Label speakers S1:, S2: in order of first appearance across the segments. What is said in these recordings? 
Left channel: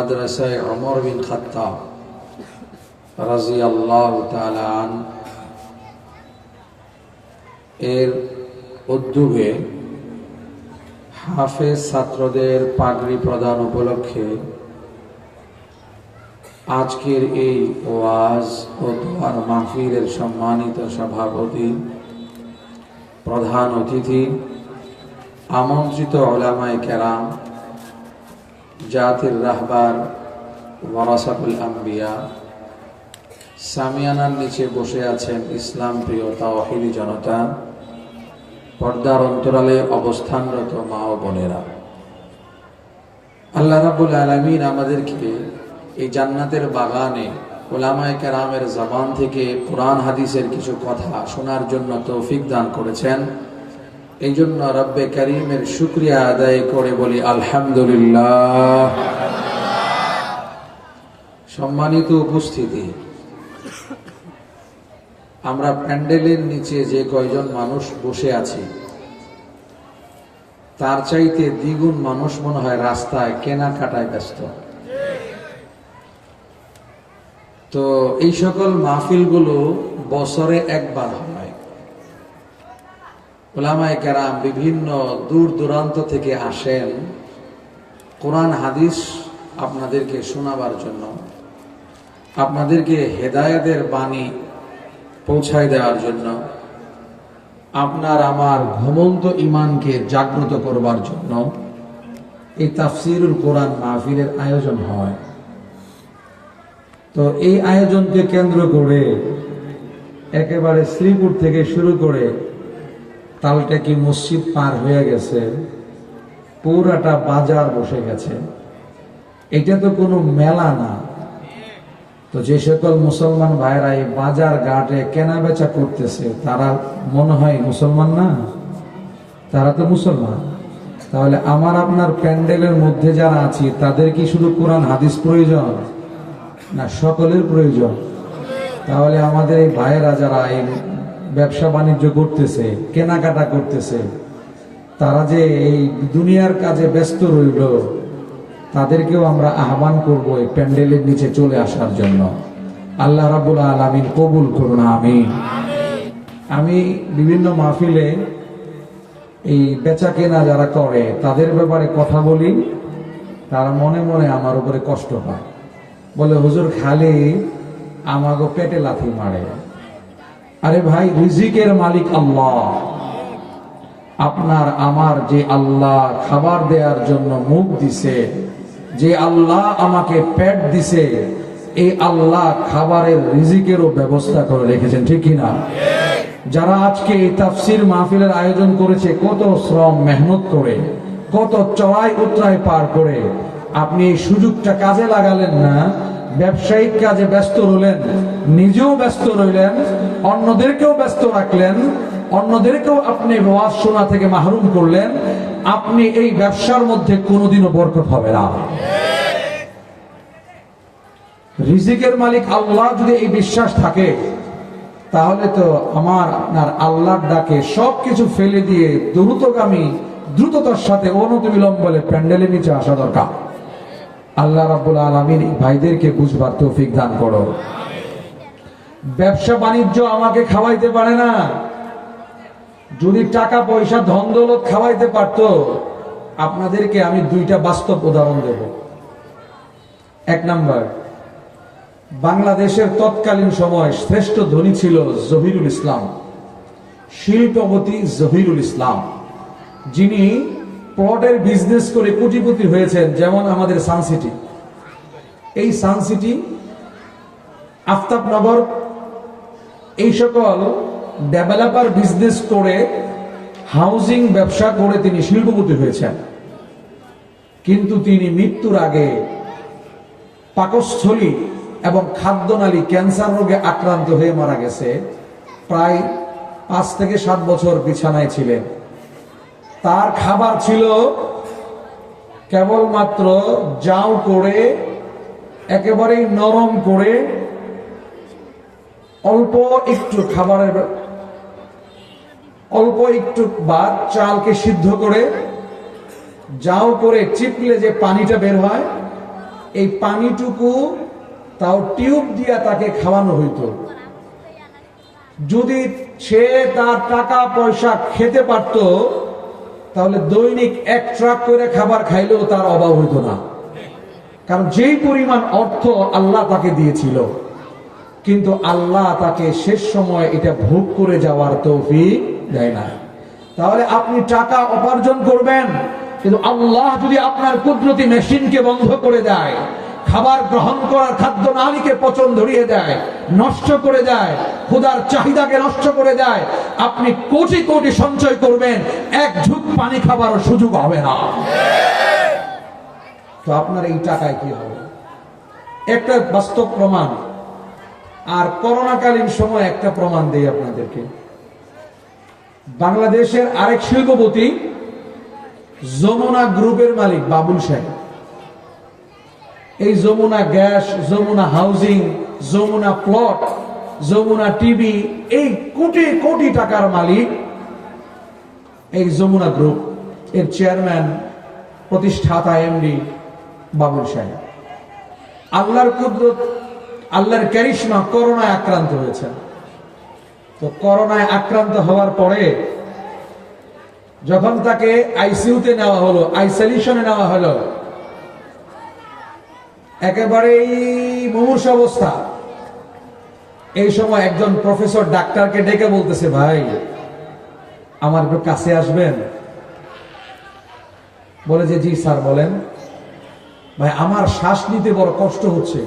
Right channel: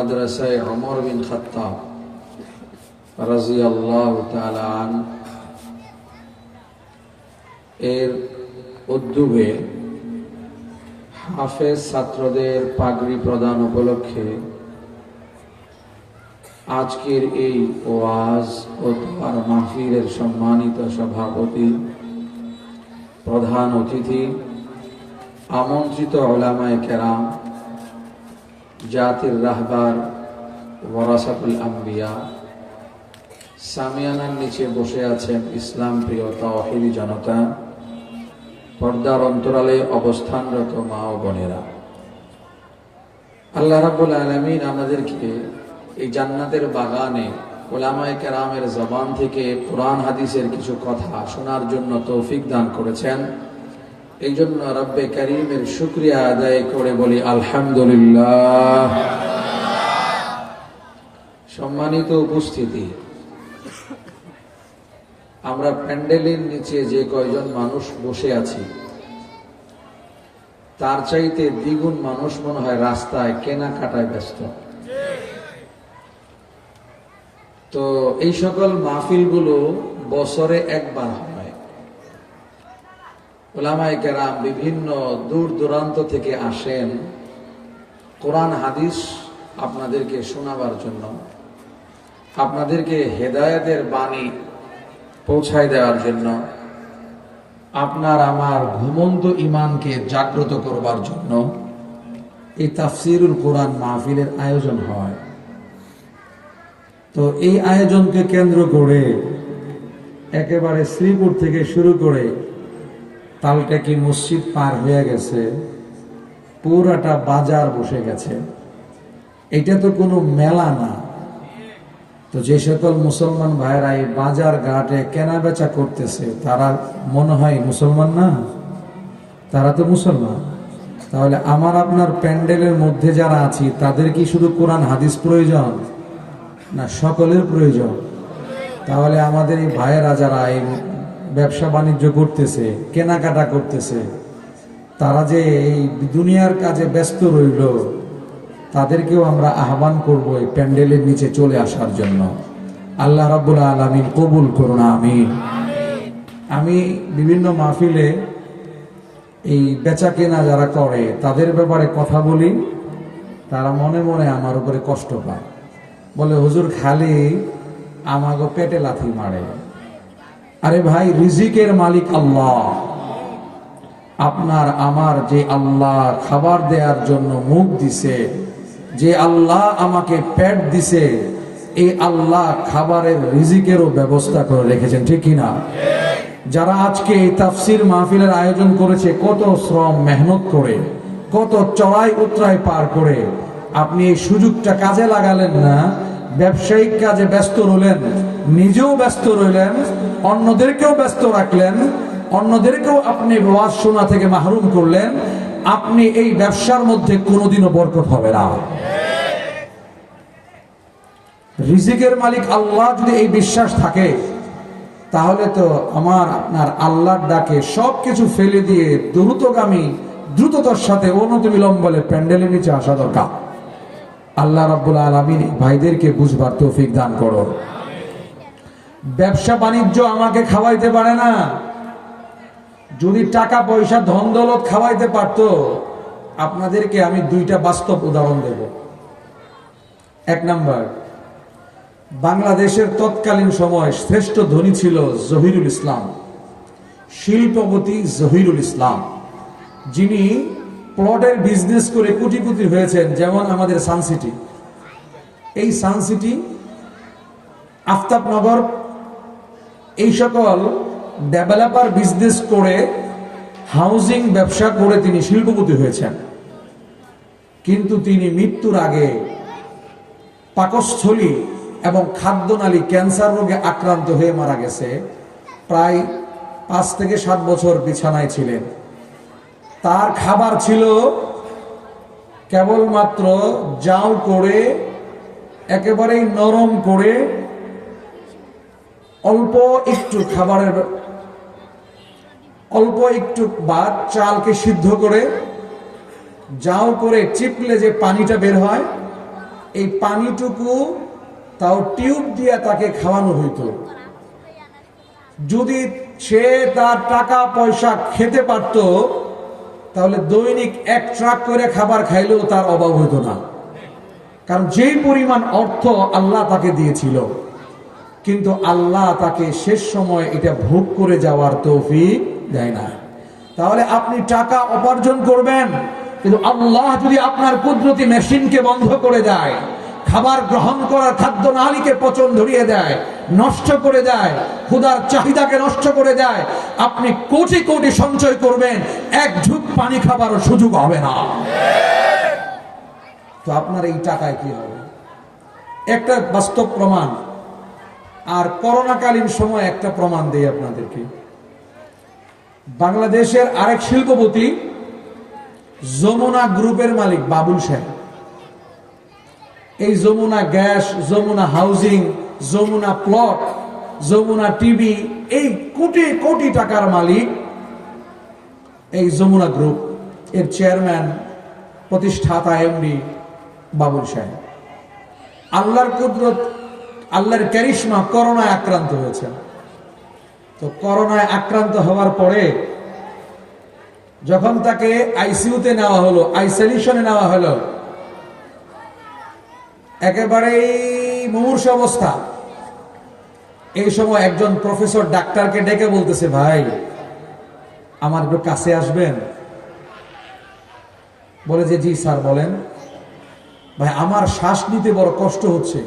S1: মাদ্রাসায় অমর বিন রাজি আল্লাহ তালান এর উদ্যোগে হাফেজ ছাত্রদের পাগড়ি প্রদান উপলক্ষে আজকের এই ওয়াজ ও দোয়ার মাহফিলের সম্মানিত সভাপতি, প্রধান অতিথি, আমন্ত্রিত ওলামায় কেরাম জাতির রাহবার ওয়ারাসাতুল আম্বিয়া। সামিয়ানার নিচে বসে আছেন ইসলাম প্রিয় তাওহিদি জনতা। পর্দার অন্তরালে অবস্থানরত মা ও বোনেরা। আল্লাহ রাবুল আলমিন আমাদেরকে এই জান্নাতের বাগানে ওলামায় কেরামের জবান থেকে কোরআন, হাদিসের কিছু কথা শোনার জন্য তৌফিক দান করেছেন। এই জন্য রব্বে করিমের শুক্রিয়া আদায় করে বলি, আলহামদুলিল্লাহ। সম্মানিত উপস্থিতি, আমরা প্যান্ডেলের নিচে যে কয়জন মানুষ বসে আছি, তার চাইতে দ্বিগুণ মানুষ মনে হয় রাস্তায়, কেনাকাটায় ব্যস্ত। তো এই সকল মাহফিলগুলো বছরে একবার হয়। ওলামায় কেরাম বিভিন্ন দূর দূরান্ত থেকে আসেন কোরআন, হাদিস আপনাদেরকে শোনাবার জন্য। আপনাদেরকে হেদায়েতের বাণী পৌঁছায় দেওয়ার জন্য। আপনার আমার ঘুমন্ত ইমানকে জাগ্রত করবার জন্য এই তাফসিরুল কোরআন মাহফিলের আয়োজন হয়। তো এই আয়োজনকে কেন্দ্র করে একেবারে শ্রীপুর থেকে শুরু করে তালটেকি মসজিদ পার হয়ে গেছে? পুরাটা বাজার বসে গেছে। এটা তো কোনো মেলা না। তো যে সকল মুসলমান ভাইরা এই বাজার ঘাটে কেনা বেচা করতেছে, তারা মনে হয় মুসলমান না? তারা তো মুসলমান। তাহলে আমার আপনার প্যান্ডেলের মধ্যে যারা আছি, তাদের কি শুধু কোরআন, হাদিস প্রয়োজন? না, সকলের প্রয়োজন। তাহলে আমাদের এই ভাইয়েরা যারা এই ব্যবসা বাণিজ্য করতেছে, কেনাকাটা করতেছে, তারা যে এই দুনিয়ার কাজে ব্যস্ত রইল, তাদেরকেও আমরা আহ্বান করব এই প্যান্ডেলের নিচে চলে আসার জন্য। আল্লাহ রাবুল আলমিন কবুল করুন আমি আমি বিভিন্ন মাহফিলে এই বেচা কেনা যারা করে, তাদের ব্যাপারে কথা বলি, তারা মনে মনে আমার উপরে কষ্ট পায়। বলে, হুজুর, খালি আমাকে পেটে লাথি মারে। আরে ভাই, রিজিকের মালিক আল্লাহ। আপনার, আমার যে আল্লাহ খাবার দেওয়ার জন্য মুখ দিছে, যে আল্লাহ আমাকে পেট দিছে এই আল্লাহ খাবারের রিজিকেরও ব্যবস্থা করে রেখেছেন, ঠিক কিনা? যারা আজকে এই তাফসির মাহফিলের আয়োজন করেছে, কত শ্রম, মেহনত করে, কত চড়াই উতরাই পার করে, আপনি এই সুযোগটা কাজে লাগালেন না ব্যবসায়িক কাজে ব্যস্ত রইলেন, নিজেও ব্যস্ত রইলেন, অন্যদেরকেও ব্যস্ত রাখলেন, অন্যদেরকেও আপনি ওয়াজ শোনা থেকে মাহরুম করলেন, আপনি এই ব্যবসার মধ্যে কোনোদিনও বরকত হবে না। রিজিকের মালিক আল্লাহ যদি এই বিশ্বাস থাকে, তাহলে তো আমার, আপনার আল্লাহর ডাকে সব কিছু ফেলে দিয়ে দ্রুতগামী, দ্রুততার সাথে অনতি বিলম্বলে প্যান্ডেলের নিচে আসা দরকার। আল্লাহ রাব্বুল আলমিন ভাইদেরকে বুঝবার তৌফিক দান করো। ব্যবসা বাণিজ্য আমাকে খাওয়াইতে পারে না। যদি টাকা পয়সা ধন দৌলত খাওয়াইতে পারতো, আপনাদেরকে আমি দুইটা বাস্তব উদাহরণ দেব। এক নাম্বার, বাংলাদেশের তৎকালীন সময় শ্রেষ্ঠ ধনী ছিল জহিরুল ইসলাম, শিল্পপতি জহিরুল ইসলাম, যিনি প্লটের বিজনেস করে কোটিপতি হয়েছেন, যেমন আমাদের সানসিটি এই সানসিটি আফতাবনগর এই সকল ডেভেলপার বিজনেস করে হাউজিং ব্যবসা করে তিনি শিল্পপতি হয়েছেন। কিন্তু তিনি মৃত্যুর আগে পাকস্থলী এবং খাদ্যনালী ক্যান্সার রোগে আক্রান্ত হয়ে মারা গেছে। প্রায় পাঁচ থেকে সাত বছর বিছানায় ছিলেন। তার খাবার ছিল কেবলমাত্র জাউ করে একেবারেই নরম করে অল্প একটু খাবারের অল্প একটু বাদ চালকে সিদ্ধ করে জাউ করে চিপলে যে পানিটা বের হয়, এই পানিটুকু তাও টিউব দিয়া তাকে খাওয়ানো হইতো। যদি সে তার টাকা পয়সা খেতে পারত তাহলে দৈনিক এক ট্রাক করে খাবার খাইলেও তার অভাব হইতো না। কারণ যেই পরিমাণ অর্থ আল্লাহ তাকে দিয়েছিল, কিন্তু আল্লাহ তাকে শেষ সময় এটা ভোগ করে যাওয়ার তৌফিক দেয় না। তাহলে আপনি টাকা উপার্জন করবেন, কিন্তু আল্লাহ যদি আপনার কুদরতি মেশিনকে বন্ধ করে দেয়, খাবার গ্রহণ করার খাদ্য নালীকে পচন ধরিয়ে দেয় নষ্ট করে দেয় ক্ষুধার চাহিদাকে নষ্ট করে দেয়, আপনি কোটি কোটি সঞ্চয় করবেন, এক ঝুঁক পানি খাবার সুযোগ হবে না। তো আপনার এই টাকায় কি হবে? একটা বাস্তব প্রমাণ, আর করোনাকালীন সময় একটা প্রমাণ দেই আপনাদেরকে। বাংলাদেশের আরেক শিল্পপতি, যমুনা গ্রুপের মালিক বাবুল সাহেব এই Jamuna gas, Jamuna housing Jamuna plot Jamuna TV এই কোটি কোটি টাকার মালিক এই যমুনা গ্রুপ এর চেয়ারম্যান প্রতিষ্ঠাতা এমডি বাবুল সাহেব। আল্লাহর কুদরত, আল্লাহর ক্যারিশমা করোনায় আক্রান্ত হয়েছে। তো করোনায় আক্রান্ত হওয়ার পরে যখন তাকে আইসিইউতে নেওয়া হলো আইসোলেশনে নেওয়া হলো, একেবারেই মুমূর্ষ অবস্থা। এই সময় একজন প্রফেসর ডাক্তারকে ডেকে বলতেছে, ভাই, আমার একটু কাছে আসবেন? বলে যে, জি স্যার, বলেন। ভাই, আমার শ্বাস নিতে বড় কষ্ট হচ্ছে।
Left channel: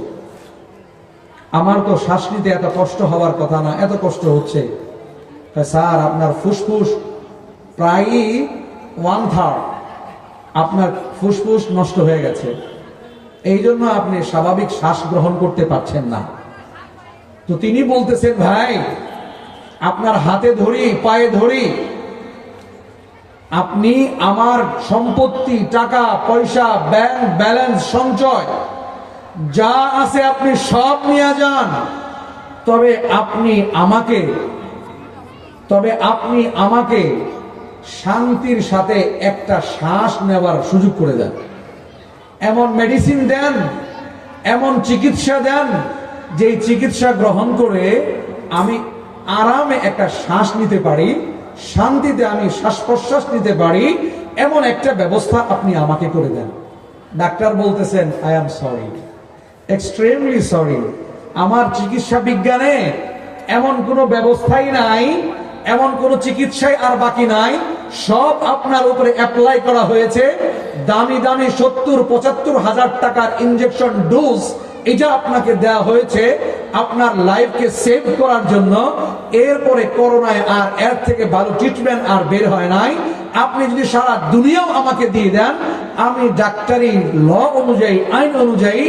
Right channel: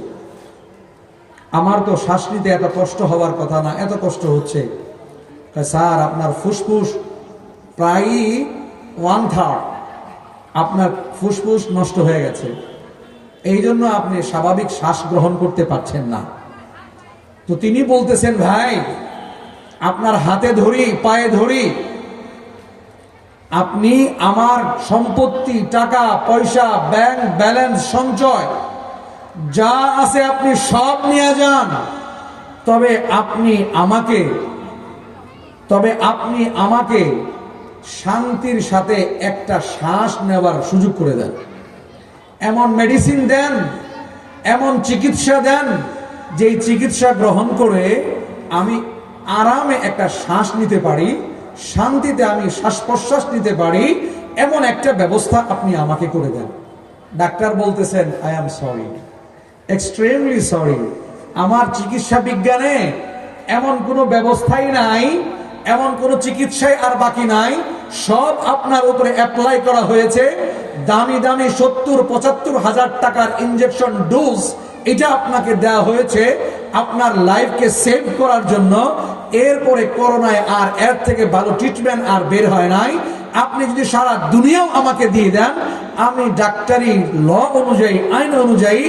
S1: আমার তো শ্বাস নিতে এত কষ্ট হওয়ার কথা না, এত কষ্ট হচ্ছে। স্যার, আপনার ফুসফুস প্রায়ই ওয়ান থার্ড আপনার ফুসফুস নষ্ট হয়ে গেছে। এই জন্য আপনি স্বাভাবিক শ্বাস গ্রহণ করতে পারছেন না। তো তিনি বলতেছেন, ভাই, আপনার হাতে ধরি, পায়ে ধরি। আপনি আমার সম্পত্তি, টাকা, পয়সা, ব্যাংক ব্যালেন্স, সঞ্চয়, যা আছে আপনি সব নিয়ে যান। তবে আপনি আমাকে, তবে আপনি আমাকে শান্তির সাথে একটা শ্বাস নেওয়ার সুযোগ করে দেন। এমন মেডিসিন দেন, এমন চিকিৎসা দেন, যেই চিকিৎসা গ্রহণ করে আমি আরামে একটা শ্বাস নিতে পারি, শান্তিতে আমি শ্বাস প্রশ্বাস নিতে পারি, এমন একটা ব্যবস্থা আপনি আমাকে করে দেন। ডাক্তার বলতেছেন I am sorry extremely sorry আমার চিকিৎসা বিজ্ঞানে এমন কোনো ব্যবস্থাই নাই, এমন কোনো চিকিৎসাই আর বাকি নাই সব আপনার উপরে অ্যাপ্লাই করা হয়েছে। দামি দামি সত্তর পঁচাত্তর হাজার টাকার ইনজেকশন ডোজ এটা আপনাকে দেওয়া হয়েছে আপনার লাইফকে সেভ করার জন্য। এরপরে করোনায় আর এর থেকে ভালো ট্রিটমেন্ট আর বের হয় নাই। আপনি যদি সারা দুনিয়াও আমাকে দিয়ে দেন, আমি ডাক্তারি ল অনুযায়ী, আইন অনুযায়ী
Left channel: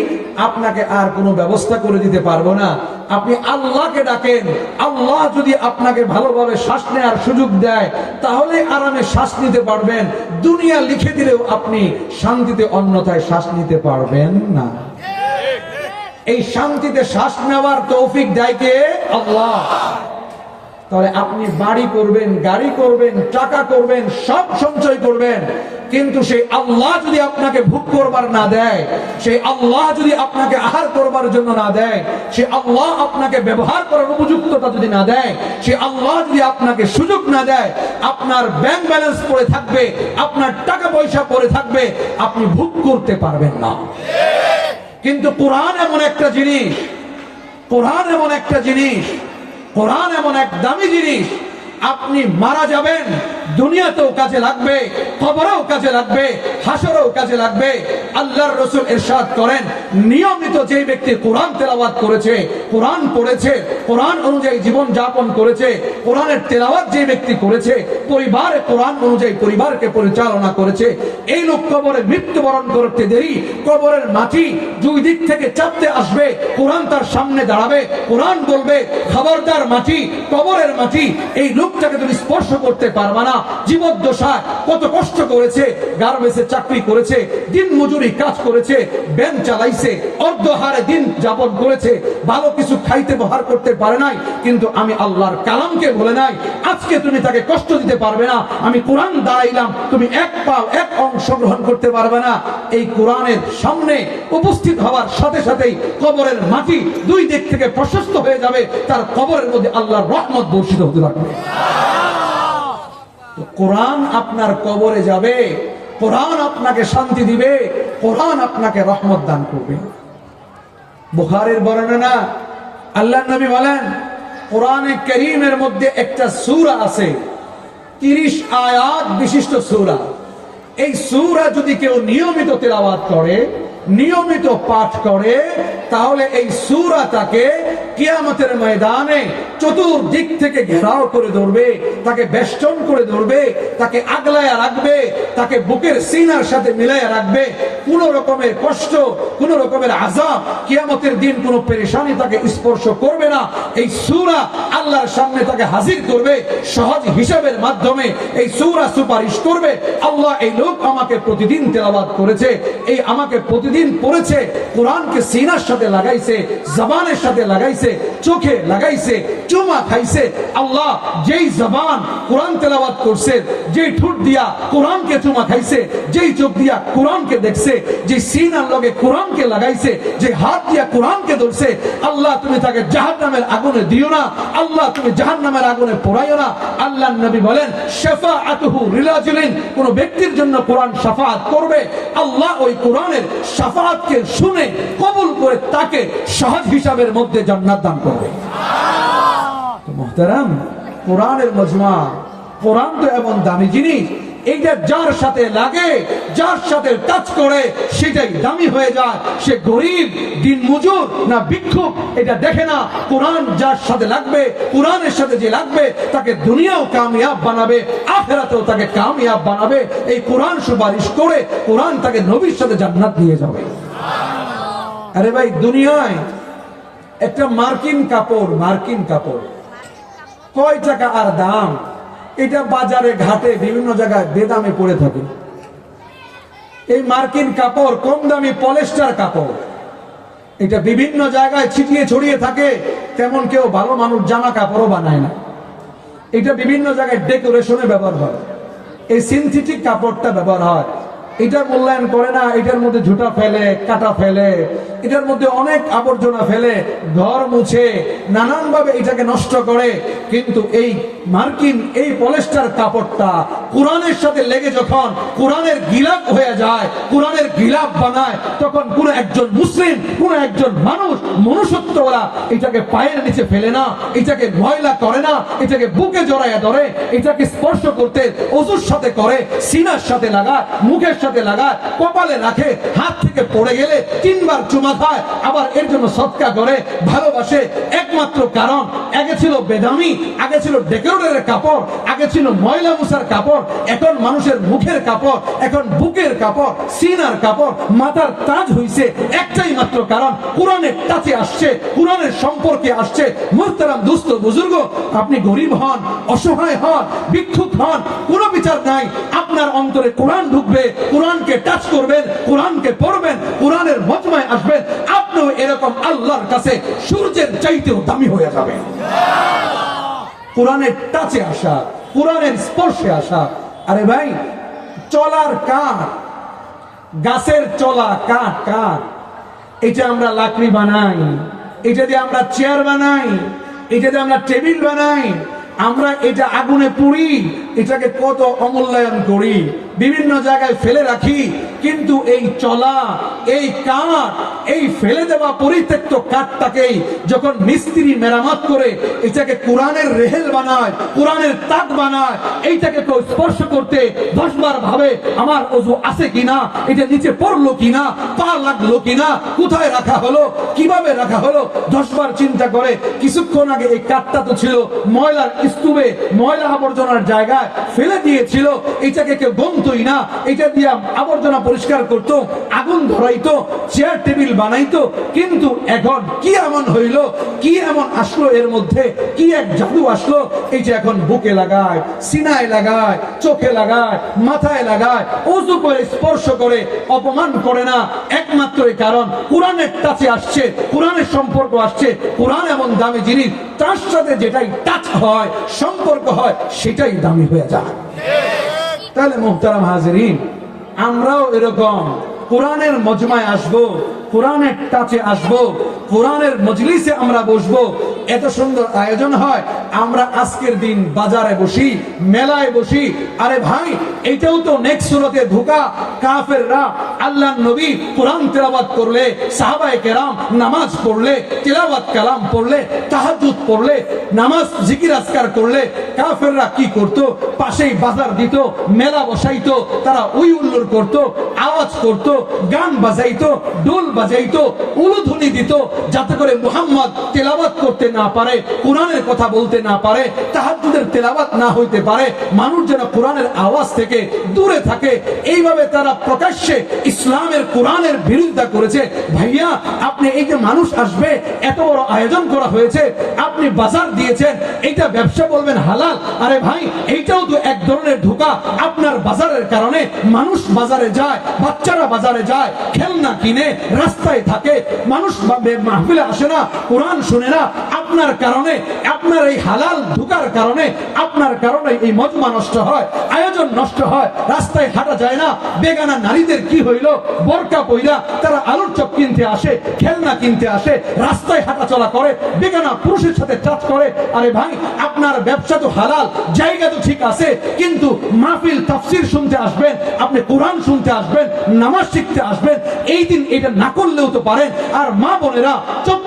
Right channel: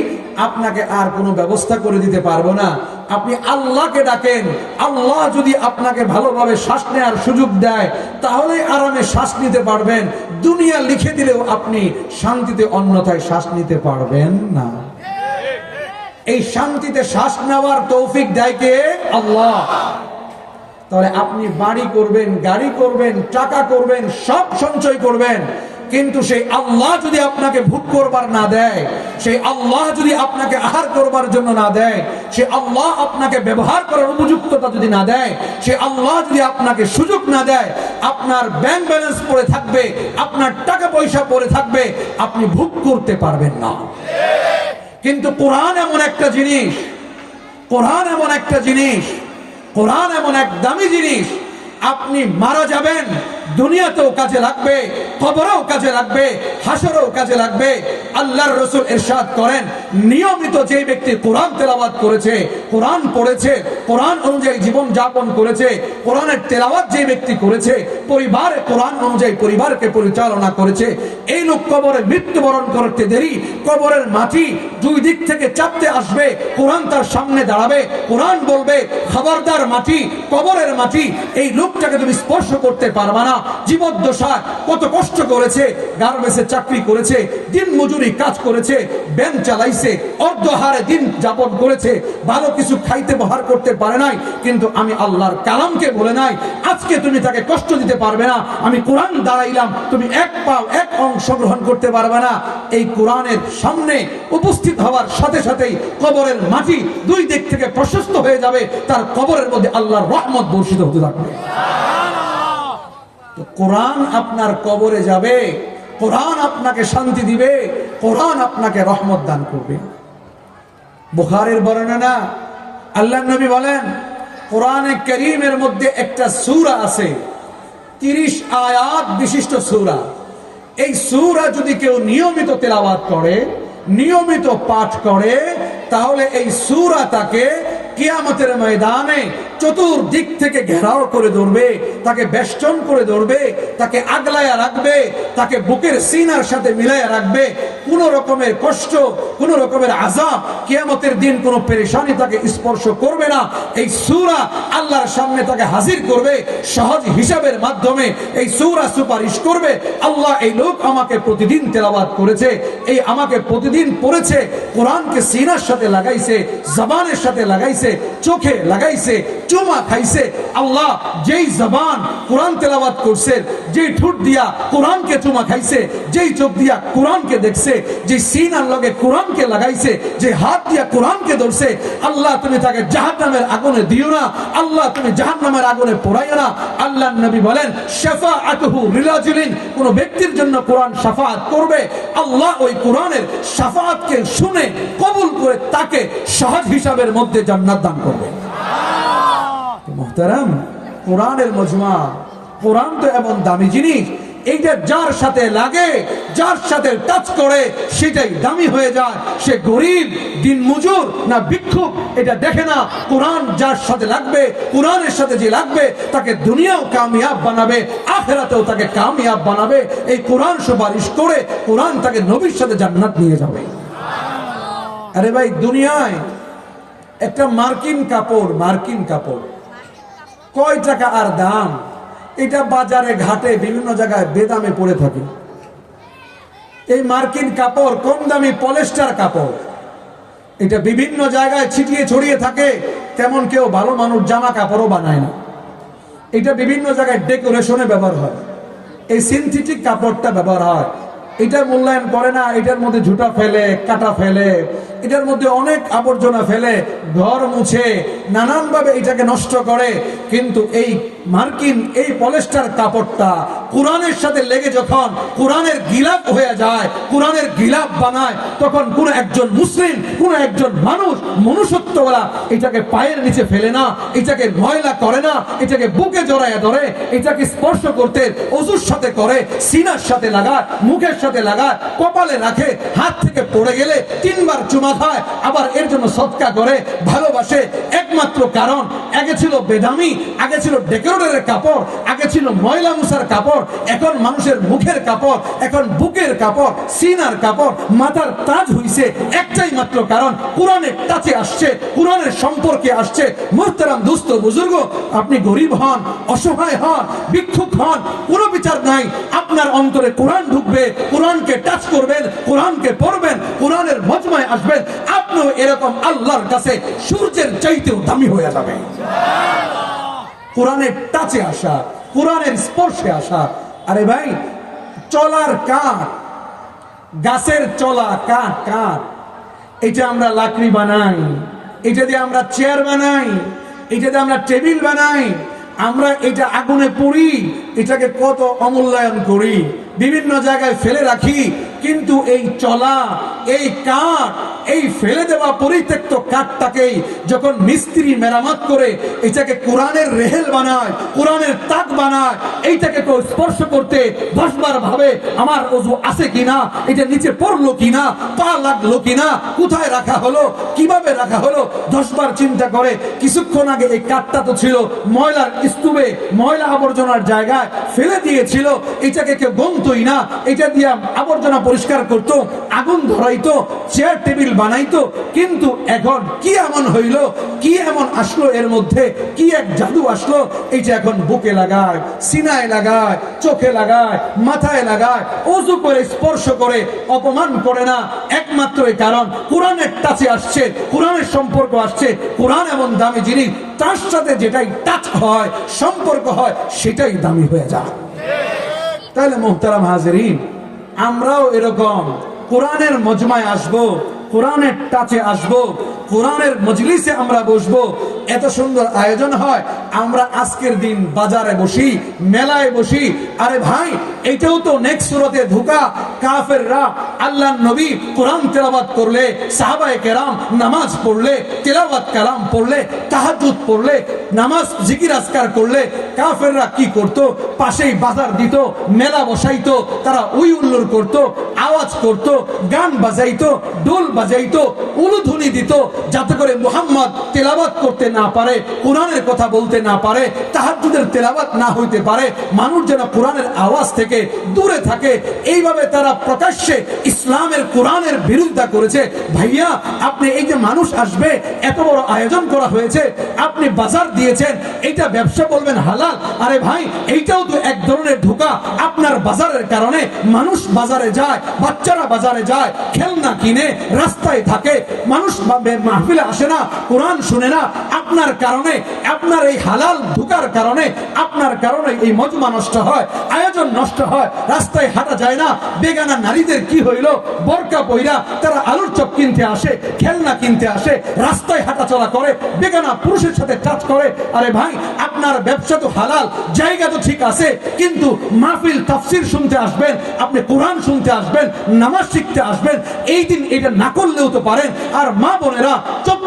S1: আপনাকে আর কোনো ব্যবস্থা করে দিতে পারব না। আপনি আল্লাহকে ডাকেন। আল্লাহ যদি আপনাকে ভালোভাবে শ্বাস নেওয়ার সুযোগ দেয়, তাহলে আরামে শ্বাস নিতে পারবেন। দুনিয়া লিখে দিলেও আপনি শান্তিতে, অন্যথায় শ্বাস নিতে পারবেন না। এই শান্তিতে শ্বাস নেওয়ার তৌফিক দেয় কে? আল্লাহ। তাহলে আপনি বাড়ি করবেন, গাড়ি করবেন, টাকা করবেন, সব সঞ্চয় করবেন। কিন্তু সেই আল্লাহ যদি আপনাকে ভোগ করবার না দেয়, সেই আল্লাহ যদি আপনাকে আহার করবার জন্য না দেয় সে আল্লাহ আপনাকে ব্যবহার করার উপযুক্ততা যদি না দেয় সে আল্লাহ যদি আপনাকে সুযোগ না দেয়, আপনার ব্যাংক ব্যালেন্স পড়ে থাকবে, আপনার টাকা পয়সা পড়ে থাকবে, আপনি ভোগ করতে পারবেন না। কিন্তু কোরআন এমন একটা জিনিস, কোরআন এমন একটা জিনিস, কোরআন এমন এক দামি জিনিস, আপনি মারা যাবেন দুনিয়াতেও কাজে লাগবে কবরেও কাজে লাগবে, হাসরেও কাজে লাগবে। আল্লাহর রসুল এরশাদ করেন, নিয়মিত যে ব্যক্তি কোরআন তেলাওয়াত করেছে, কোরআন পড়েছে, কোরআন অনুযায়ী জীবন যাপন করেছে, কোরআনের তেলাওয়াত যে ব্যক্তি করেছে, পরিবারে কোরআন অনুযায়ী পরিবারকে পরিচালনা করেছে, এই লোক কবরে মৃত্যুবরণ করতে দেরি, কবরের মাটি দুই দিক থেকে চাপতে আসবে, কোরআন তার সামনে দাঁড়াবে, কোরআন বলবে, খবরদার মাটি, কবরের মাটি। এই লোকটাকে তুমি স্পর্শ করতে পারবা না। না জীবদ্দশা কত কষ্ট করেছে, গার্মেন্টসে চাকরি করেছে, দিন মজুরি কাজ করেছে, ব্যাংক চালাইছে অর্ধহারে দিন যাপন করেছে, ভালো কিছু খাইতে বহার করতে পারে নাই, কিন্তু আমি আল্লাহর কালামকে বলে নাই, আজকে তুমি তাকে কষ্ট দিতে পারবে না, আমি কোরআন দাঁড়াইলাম, তুমি এক পাও এক অংশগ্রহণ করতে পারবে না, এই কোরআনের সামনে উপস্থিত হওয়ার সাথে সাথেই কবরের মাটি দুই দিক থেকে প্রশস্ত হয়ে যাবে, তার কবরের মধ্যে আল্লাহর রহমত বর্ষিত হতে থাকবে। কোরআন আপনার কবরে যাবে, কোরআন আপনাকে শান্তি দিবে, কোরআন আপনাকে রহমত দান করবে। বুখারের বর্ণনা, আল্লাহ নবী বলেন, কোরআনে করিমের মধ্যে একটা সূরা আছে, তিরিশ আয়াত বিশিষ্ট সূরা। এই সূরা যদি কেউ নিয়মিত তেলাবাদ করে নিয়মিত পাঠ করে, তাহলে এই সূরা তাকে কিয়ামতের ময়দানে চতুর্দিক থেকে ঘেরাও করে ধরবে, তাকে বেষ্টন করে ধরবে, তাকে আগলায়া রাখবে, তাকে বুকের সিনার সাথে মিলাইয়া রাখবে। কোন রকমের কষ্ট, কোন রকমের আজাব কিয়ামতের দিন কোন পেরেশানি তাকে স্পর্শ করবে না। এই সূরা আল্লাহর সামনে তাকে হাজির করবে, সহজ হিসাবের মাধ্যমে এই সুরা সুপারিশ করবে। আল্লাহ এই লোক আমাকে প্রতিদিন তেলাবাদ করেছে, এই আমাকে প্রতিদিন পড়েছে, কোরআনকে সিনার সাথে লাগাইছে, জবানের সাথে লাগাইছে, চোখে লাগাইছে, চুমা খাইছে। আল্লাহ যেই জবান কোরআন তেলাবাদ করছে, যেই ঠোঁট দিয়া কোরআনকে চুমা খাইছে, যেই চোখ দিয়া কোরআনকে দেখছে যে সিনার লগে কোরআনকে লাগাইছে, যে হাত দিয়া কোরআনকে ধরছে, আল্লাহ তুমি তাকে জাহান নামের আগুনে দিও না, আল্লাহ তুমি জাহান নামের আগুনে পোড়াইও না। আল্লাহ নবী বলেন শেফা আতহু রিলাজুলিন কোন ব্যক্তির জন্য কোরআন সাফাত করবে, আল্লাহ ওই কোরআনের সাফাতকে শুনে কবুল করে তাকে সহজ হিসাবের মধ্যে জান্নাত দান করবে। মোহতারাম, কোরআনের মজমা, কোরআন তো এমন দামি জিনিস এইটা যার সাথে লাগে, যার সাথে টাচ করে, সেটাই দামি হয়ে যায়। সে গরিব, দিন মজুর না ভিক্ষুক, এটা দেখে না। কোরআন যার সাথে লাগবে, কোরআনের সাথে যে লাগবে, তাকে দুনিয়াও কামিয়াব বানাবে, আখেরাতেও তাকে কামিয়াব বানাবে। এই কোরআন সুপারিশ করে, কোরআন তাকে নবীর সাথে জান্নাত নিয়ে যাবে। আরে ভাই, দুনিয়ায় একটা মার্কিন কাপড় মার্কিন কাপড়। কয় টাকা আর দাম? এটা বাজারে, ঘাটে, বিভিন্ন জায়গায় বেদামে পড়ে থাকে। এই মার্কিন কাপড়, কম দামি পলেস্টার কাপড়। এটা বিভিন্ন জায়গায় ছিটিয়ে ছড়িয়ে থাকে, তেমন কেউ ভালো মানুষ জামা কাপড়ও বানায় না। এটা বিভিন্ন জায়গায় ডেকোরেশনে ব্যবহার হয়। এই সিনথেটিক কাপড়টা ব্যবহার হয়। এটা মূল্যায়ন করে না, এটার মধ্যে ঝুটা ফেলে, কাটা ফেলে, এটার মধ্যে অনেক আবর্জনা ফেলে, ঘর মুছে, নানানভাবে এটাকে নষ্ট করে। কিন্তু এই মার্কিন, এই পলেস্টার কাপড়টা কোরআনের সাথে লেগে যখন কোরআনের গিলাপ হয়ে যায়, কোরআনের গিলাপ বানায়, তখন কোন একজন মুসলিম, কোন একজন মানুষ, মনুষ্যত্বওয়ালা এটাকে পায়ের নিচে ফেলে না, এটাকে ময়লা করে না, এটাকে বুকে জড়ায় ধরে, এটাকে স্পর্শ করতে অজুর সাথে করে, সিনার সাথে লাগায়, মুখের সাথে লাগায় কপালে রাখে, হাত থেকে পড়ে গেলে তিনবার চুমা খায়, আবার এর জন্য সৎকা করে, ভালোবাসে, একমাত্র কারণ, আগে ছিল বেদামি, আগে ছিল ডেকোরেটরের কাপড়, আগে ছিল ময়লা মুসার কাপড়, এখন মানুষের মুখের কাপড়, এখন বুকের কাপড়, সিনার কাপড়, মাথার তাজ হইছে, একটাই মাত্র কারণ, কোরআনের কাছে আসছে, কোরআনের সম্পর্কে আসছে, মোহতারাম দুস্থ বুজুর্গ, আপনি গরিব হন, অসহায় হন, ভিক্ষুক হন, কোনো বিচার নাই আপনার অন্তরে কোরআন ঢুকবে, কোরআনকে টাচ করবেন, কোরআনকে পড়বেন, কোরআনের মজমায় আসবেন, আপনিও এরকম আল্লাহর কাছে সূর্যের চাইতেও দামি হয়ে যাবেন। কোরআনের টাচে আসা, কোরআনের স্পর্শে আসা, আরে ভাই, চলার কাঠ, গাছের চলা কাঠ কাঠ, এটা আমরা লাকড়ি বানাই, এটা দিয়ে আমরা চেয়ার বানাই, এটা দিয়ে আমরা টেবিল বানাই আমরা এটা আগুনে পুড়ি, এটাকে কত অমূল্যায়ন করি, বিভিন্ন জায়গায় ফেলে রাখি, কিন্তু এই চলা, এই কাঠ, এই ফেলে দেওয়া পরিত্যক্ত কাঠটাকেই যখন মিস্ত্রি মেরামত করে, এটাকে কোরআনের রেহেল বানায়, কোরআনের তাক বানায়, এইটাকে কেউ স্পর্শ করতে দশবার ভাবে, আমার অজু আছে কিনা? এটা নিচে পড়ল কিনা? লাগল কিনা? কোথায় রাখা হলো? কীভাবে রাখা হলো? দশবার চিন্তা করে। কিছুক্ষণ আগে এই কাঠটা তো ছিল ময়লার স্তূপে, ময়লা আবর্জনার জায়গায় ফেলে দিয়েছিল। এটাকে কেউ গন্তই না। এটা দিয়ে আবর্জনা পরিষ্কার করত, আগুন ধরাইতো, চেয়ার টেবিল বানাইতো। কিন্তু এখন কি এমন হইল? কি এমন আসলো এর মধ্যে? কি এক জাদু আসলো? যে এখন বুকে লাগায়, সিনায় লাগায়, চোখে লাগায়, মাথায় লাগায় উজু করে, স্পর্শ করে, অপমান করে না। একমাত্র এই কারণ কোরআনের টাচে আসছে, কোরআনের সম্পর্ক আসছে, কোরআন এমন দামি জিনিস, তার সাথে যেটাই টাচ হয়, সম্পর্ক হয়, সেটাই দামি হয়ে যায়। তাহলে মোহতারাম হাজরিন, আমরাও এরকম কোরআনের মজমায় আসব, কোরআনের টাচে আসব কোরআনের মজলিসে আমরা বসবো। এত সুন্দর আয়োজন হয়। আমরা আজকের দিন বাজারে বসি, মেলায় বসি। আরে ভাই, এটাও তো নেক্সট সুরতে ধোকা। কাফেররা আল্লাহ নবী কোরআন তেলাবাত করলে, সাহাবায়ে কেরাম নামাজ পড়লে, তেলাওয়াত কালাম পড়লে, তাহাজ্জুদ পড়লে, নামাজ জিকির আজকার করলে, কাফেররা কি করত? পাশেই বাজার দিত, মেলা বসাইতো, তারা উই উল্লুর করত, আওয়াজ করত, গান বাজাইতো ডোল বাজাইতো, উলুধ্বনি দিত যাতে করে মুহাম্মদ তেলাবাত করতে না পারে, কোরআনের কথা বলতে না পারে, তাহাজ্জুদের তেলাবাত না হইতে পারে, মানুষ যেন কোরআনের আওয়াজ থেকে দূরে থাকে। এইভাবে তারা প্রকাশ্যে ইসলামের কোরআনের বিরোধিতা করেছে। ভাইয়া, আপনি এই যে মানুষ আসবে, এত বড় আয়োজন করা হয়েছে, আপনি বাজার দিয়েছেন এটা ব্যবসা বলবেন হালাল? আরে ভাই, এইটাও ধরনের ঢোকা আপনার বাজারের কারণে মানুষ বাজারে যায়, বাচ্চারা বাজারে যায়, খেলনা কিনে রাস্তায় থাকে, মানুষ মাহফিলে আসে না, কোরআন শুনে না আপনার কারণে, আপনার এই হালাল ধোকার কারণে, আপনার কারণে এই মজমা নষ্ট হয়, আয়োজন নষ্ট হয়, রাস্তায় হাঁটা যায় না, বেগানা নারীদের কি হইল? বরকা পইরা তারা আলুর চপ কিনতে আসে, খেলনা কিনতে আসে, রাস্তায় হাঁটা চলা করে, বেগানা পুরুষের সাথে টাচ করে, আরে ভাই, আপনার ব্যবসা তো হালাল, জায়গা তো ঠিক আছে, কিন্তু মাহফিল তাফসির শুনতে আসবেন, আপনি কোরআন শুনতে আসবেন, নামাজ শিখতে আসবেন, এই দিন এটা না করলেও তো পারেন, আর মা বোনেরা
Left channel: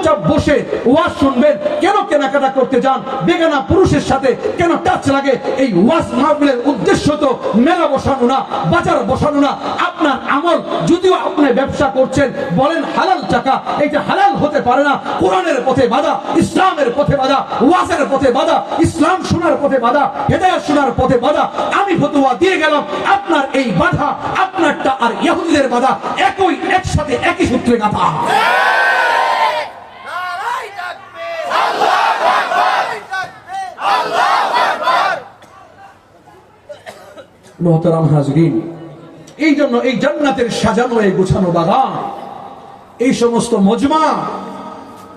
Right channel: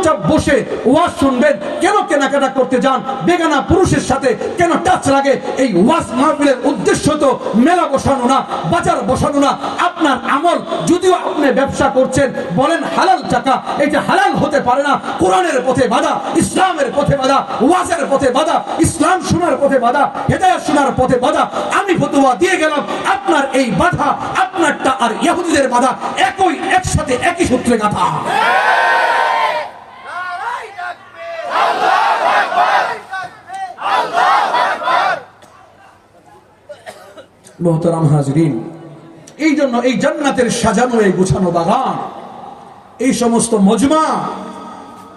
S1: চুপচাপ বসে ওয়াজ শুনবেন। কেন কেনাকাটা করতে যান? বেগানা পুরুষের সাথে কেন টাচ লাগে? এই ওয়াজ মাহফিলের উদ্দেশ্য তো মেলা বসানো না, বাজার বসানো না। আপনার আমল যদিও আপনি ব্যবসা করছেন, বলেন হালাল টাকা এটা হালাল হতে পারে না। কোরআনের পথে বাধা, ইসলামের পথে বাধা, ওয়াজের পথে বাধা, ইসলাম শোনার পথে বাধা, হেদায়াত শোনার পথে বাধা। আমি ফতোয়া দিয়ে গেলাম, আপনার এই বাধা, আপনারটা আর ইহুদিদের বাধা, একই, একসাথে, একই সূত্রে গাথা। মোহতারাম হাজরিন, এই জন্য এই জান্নাতের সাজানো, এই গোছানো বাগান, এই সমস্ত মজমা,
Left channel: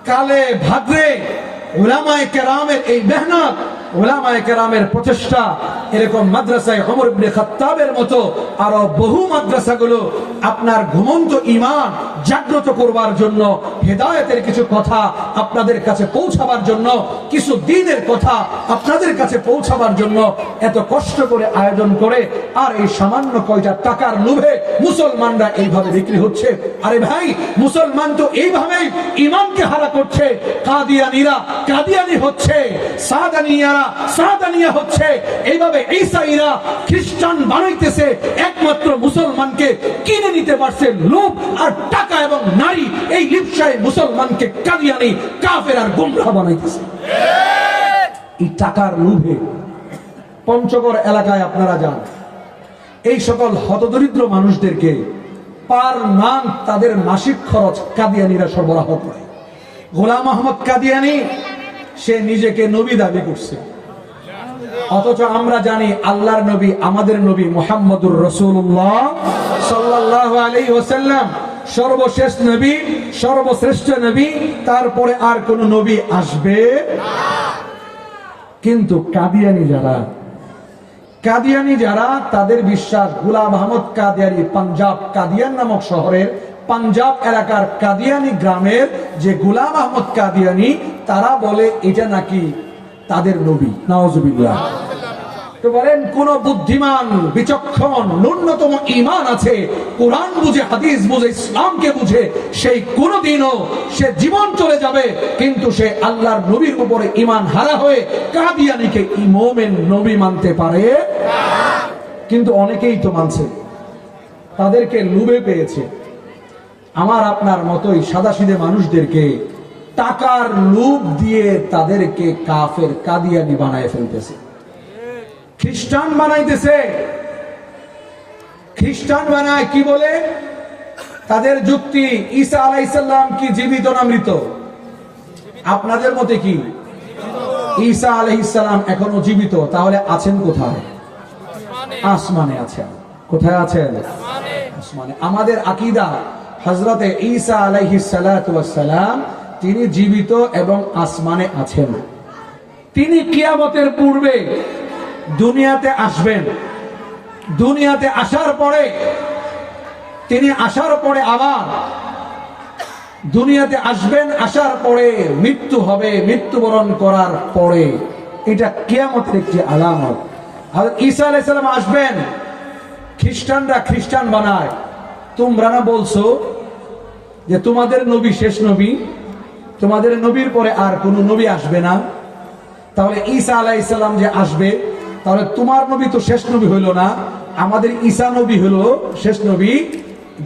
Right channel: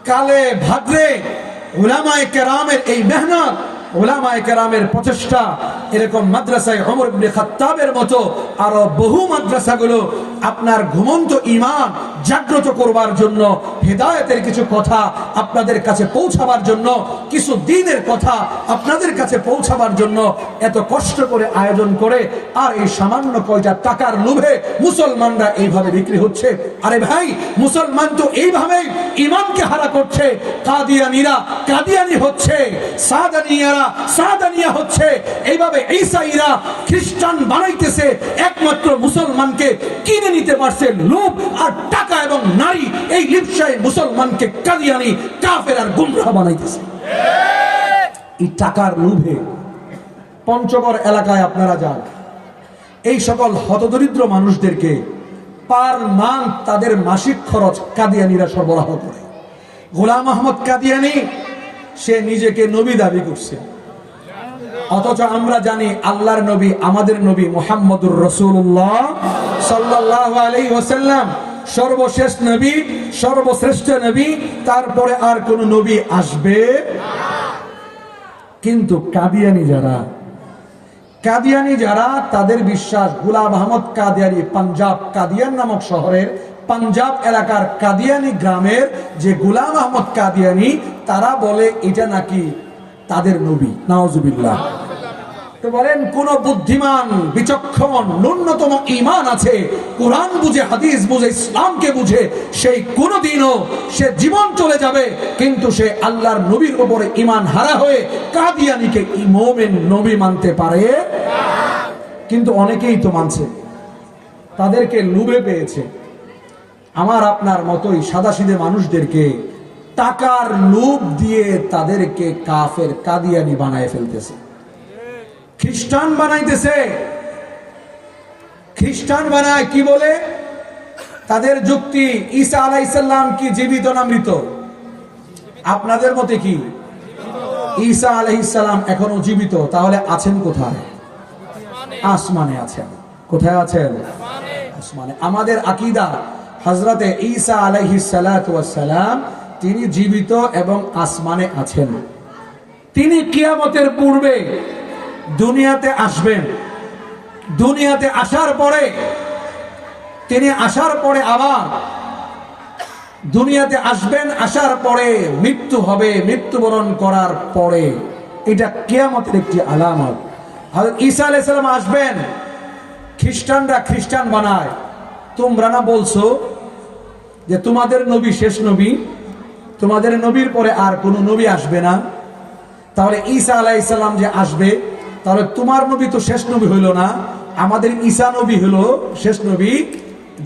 S1: কালে ভাদ্রে ওলামায় কেরামের এই মেহনত ওলামায়ে কেরামের প্রচেষ্টা এরকম মাদ্রাসায় অমর মতো আরও বহু মাদ্রাসাগুলো আপনার ঘুমন্ত ইমান জাগ্রত করবার জন্য, হেদায়েতের কিছু কথা আপনাদের কাছে পৌঁছাবার জন্য, কিছু দিনের কথা আপনাদের কাছে পৌঁছাবার জন্য এত কষ্ট করে আয়োজন করে, আর এই সামান্য কয়টা টাকার লোভে মুসলমানরা এইভাবে বিক্রি হচ্ছে। আরে ভাই, মুসলমান তো এইভাবেই ইমানকে হারা করছে, কাদিয়ানিরা কাদিয়ানি হচ্ছে, সাদানিয়ারা পঞ্চগড় এলাকায় আপনারা যান। এই সকল হতদরিদ্র মানুষদেরকে পার মান তাদের মাসিক খরচ কাদিয়ানিরা সরবরাহ করে। গোলাম আহমদ কাদিয়ানি সে নিজেকে নবী দাবি করছে। অথচ আমরা জানি আল্লাহর নবী, আমাদের নবী মোহাম্মদুর রসুল্লাহ সাল্লাহ আলাই ওসাল্লাম সর্বশেষ নবী, সর্বশ্রেষ্ঠ নবী, তারপরে আর কোন নবী আসবে কিন্তু কাদিয়ানি যারা কাদিয়ানি যারা, তাদের বিশ্বাস, গুলাম আহমদ কাদিয়ানি, পাঞ্জাব কাদিয়ান নামক শহরের পাঞ্জাব এলাকার কাদিয়ানি গ্রামের যে গুলাম আহমদ কাদিয়ানি, তারা বলে এটা নাকি তাদের নবী। নওয়াজুবিল্লাহ তো বলেন, কোন বুদ্ধিমান, বিচক্ষণ, ন্যূনতম ইমান আছে, কোরআন বুঝে, হাদিস বুঝে, ইসলামকে বুঝে, সেই কোনদিনও সে জীবন চলে যাবে, কিন্তু সে আল্লাহর নবীর উপরে ইমান হারা হয়ে কাদিয়ানিকে ইমোমেন নবী মানতে পারে। কিন্তু অনেকেই তো মানছে। তাদেরকে লুবে পেয়েছে। আমার আপনার মতোই সাদাসিদে মানুষদেরকে টাকার লোভ দিয়ে তাদেরকে কাফের কাদিয়ানি বানায় ফেলতেছে। খ্রিস্টান বানাইতেছে। খ্রিস্টান বানায় কি বলে? তাদের যুক্তি ঈসা আলাইসাল্লাম কি জীবিত না মৃত? আপনাদের মতে কি? ঈসা আলাইসাল্লাম এখনও জীবিত, তাহলে আছেন কোথায়? আসমানে আছেন। কোথায় আছেন? আসমানে। আমাদের আকিদা হজরতে ঈসা আলাইহিস সালাম, তিনি জীবিত এবং আসমানে আছেন। তিনি কিয়ামতের পূর্বে দুনিয়াতে আসবেন। দুনিয়াতে আসার পরে, তিনি আসার পরে আবার দুনিয়াতে আসবেন, আসার পরে মৃত্যু হবে, মৃত্যুবরণ করার পরে। এটা কেয়ামতের একটি আলামত। ঈসা আলাইসালাম আসবেন, খ্রিস্টানরা খ্রিস্টান বানায়। তোমরা না বলছো যে তোমাদের নবী শেষ নবী? তোমাদের নবীর পরে আর কোনো নবী আসবে না? তাহলে ঈসা আলাইসাল্লাম যে আসবে, তাহলে তোমার নবী তো শেষ নবী হইল না। আমাদের ঈসা নবী হলো শেষ নবী,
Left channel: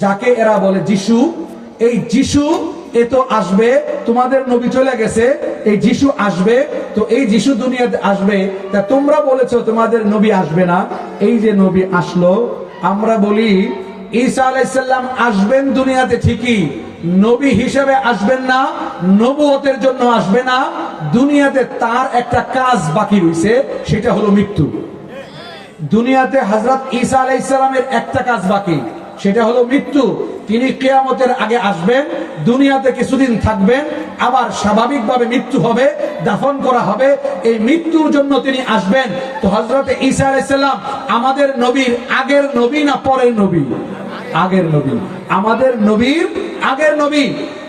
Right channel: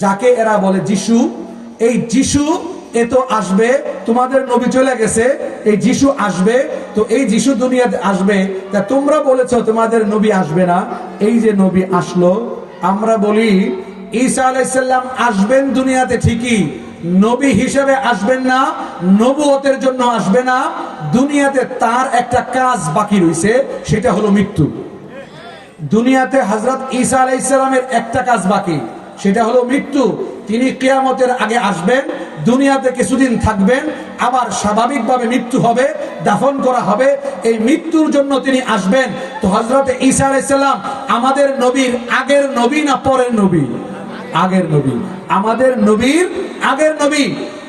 S1: যাকে এরা বলে যিশু। এই যিশু এ তো আসবে, তোমাদের নবী চলে গেছে, এই যিশু আসবে, তো এই যিশু দুনিয়াতে আসবে, তা তোমরা বলেছ তোমাদের নবী আসবে না। এই যে নবী আসলো, আমরা বলি ঈসা আলাইসাল্লাম আসবেন দুনিয়াতে ঠিকই, নবী হিসেবে আসবেন না, নবুয়তের জন্য আসবে না, দুনিয়াতে তার একটা কাজ বাকি রয়েছে, সেটা হলো মৃত্যু। দুনিয়াতে হজরত ঈসা আলাইসাল্লামের একটা কাজ বাকি। সেটা হলো মৃত্যু। তিনি কেয়ামতের আগে আসবেন, দুনিয়াতে কিছুদিন থাকবেন, আবার স্বাভাবিকভাবে মৃত্যু হবে, দাফন করা হবে। এই মৃত্যুর জন্য তিনি আসবেন। তো হজরত ঈসা আলাইসাল্লাম আমাদের নবীর আগের নবী না পরের নবী? আগের নবী। আমাদের নবীর আগের নবী।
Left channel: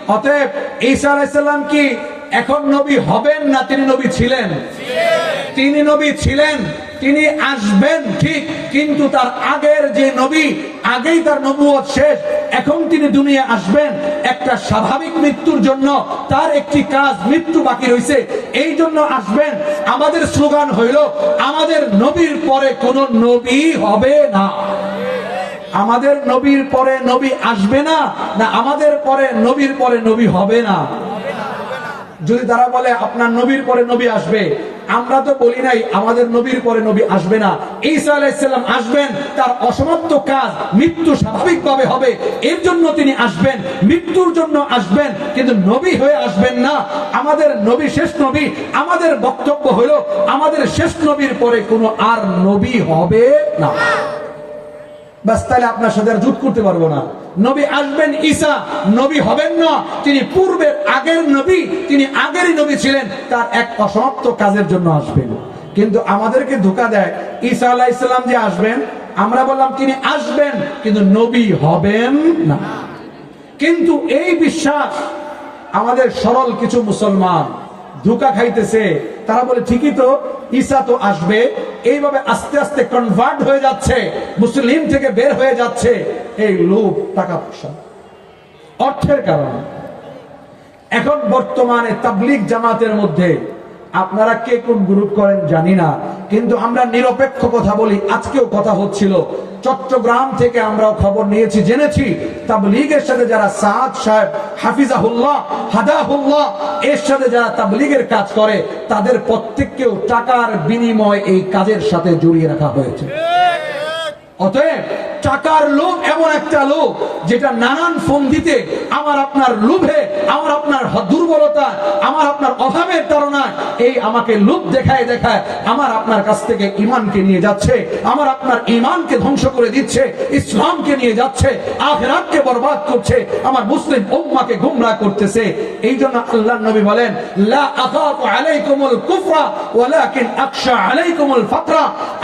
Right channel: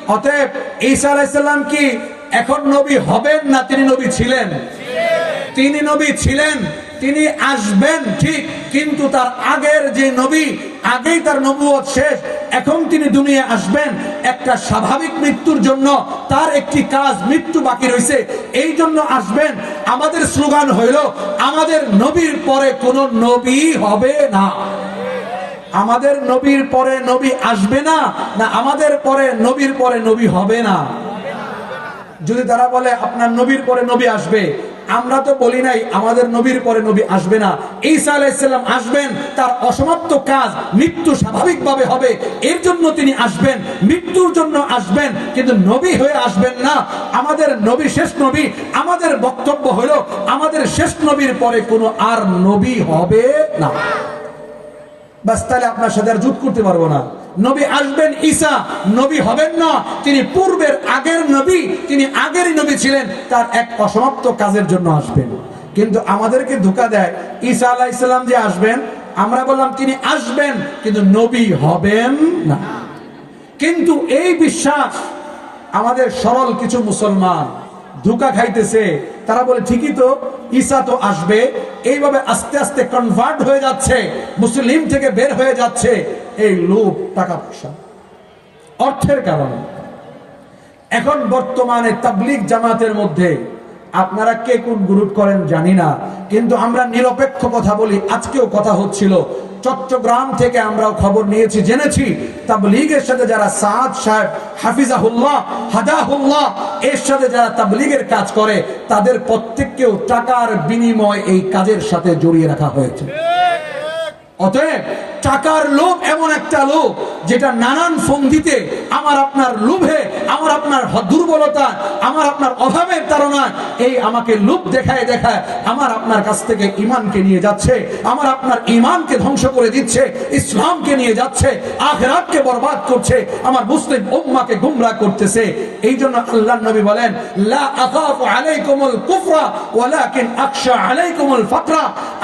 S1: অতএব ঈসা আলাইসাল্লাম কি এখন নবী হবেন না তিনি নবী ছিলেন? তিনি নবী ছিলেন। তিনি আসবেন ঠিক, কিন্তু তার আগের যে নবী, আগেই তার নবুয়ত শেষ। এখন তিনি দুনিয়া আসবেন একটা স্বাভাবিক মৃত্যুর জন্য। তার একটি কাজ মৃত্যু বাকি রয়েছে এই জন্য আসবেন। আমাদের স্লোগান হইল, আমাদের নবীর পরে কোন নবী হবে না। আমাদের নবীর পরে নবী আসবে না না আমাদের পরে নবীর পরে নবী হবে না। যদি তারা বলে, আপনার নবীর পরে নবী আসবে আমরা তো বলি নাই, আমাদের নবীর পরে নবী আসবে না। ঈসা আলাইসাল্লাম আসবেন, তার অসমাপ্ত কাজ মৃত্যু স্বাভাবিকভাবে হবে, এর জন্য তিনি আসবেন, মৃত্যুর জন্য আসবেন, কিন্তু নবী হয়ে আসবেন না। আমাদের নবী শেষ নবী, আমাদের বক্তব্য হলো, আমাদের শেষ নবীর পরে কোনো আর নবী হবে না। বাস তাহলে আপনার সাথে আর জুট করতে পারব না। নবী আসবেন ঈসা নবী হবেন না। তিনি পূর্বের আগের নবী তিনি আগেরই নবী ছিলেন। তার এক অসমাপ্ত কাজের জন্য আসবেন। কিন্তু আমাদেরকে ধোকা দেয় ঈসা আলাহ ইসলাম যে আসবেন আমরা বললাম তিনি আসবেন কিন্তু নবী হবেন না। কিন্তু এই বিশ্বাস আমাদের সরল কিছু মুসলমান ধোকা খাইতেছে। তারা বলে, ঠিকই তো, ঈসা তো আসবে। এইভাবে আস্তে আস্তে কনভার্ট হয়ে যাচ্ছে। মুসলিম থেকে বের হয়ে যাচ্ছে। এই লোভ, টাকা পয়সা। অর্থের কারণে। এখন বর্তমানে তাবলিক জামাতের মধ্যে আপনারা কে কোন গ্রুপ করেন জানি না, কিন্তু আমরা নিরপেক্ষ কথা বলি। আজকেও কথা হচ্ছিল, চট্টগ্রাম থেকে আমরাও খবর নিয়েছি, জেনেছি। তাবলিগের সাথে যারা সাদ সাহেব, হাফিজাহুল্লাহ, হাদাহুল্লাহ, এর সাথে যারা তাবলিগের কাজ করে, তাদের প্রত্যেককেও টাকার বিনিময় এই কাজের সাথে জড়িয়ে রাখা হয়েছে। অতএব টাকার লোভ এমন একটা লোভ যেটা নানান ফন্দিতে আমার আপনার লোভে, আমার আপনার দুর্বলতা, আমার আপনার অভাবের তারা এই আমাকে লোভ দেখায় দেখায় আমার আপনার কাছ থেকে ইমানকে নিয়ে যাচ্ছে, আমার আপনার ইমানকে ধ্বংস করে দিচ্ছে, ইসলামকে নিয়ে যাচ্ছে, আখেরাতকে বরবাদ করছে, আমার মুসলিম উম্মাকে গুমরা করতেছে। এই জন্য আল্লাহ নবী বলেন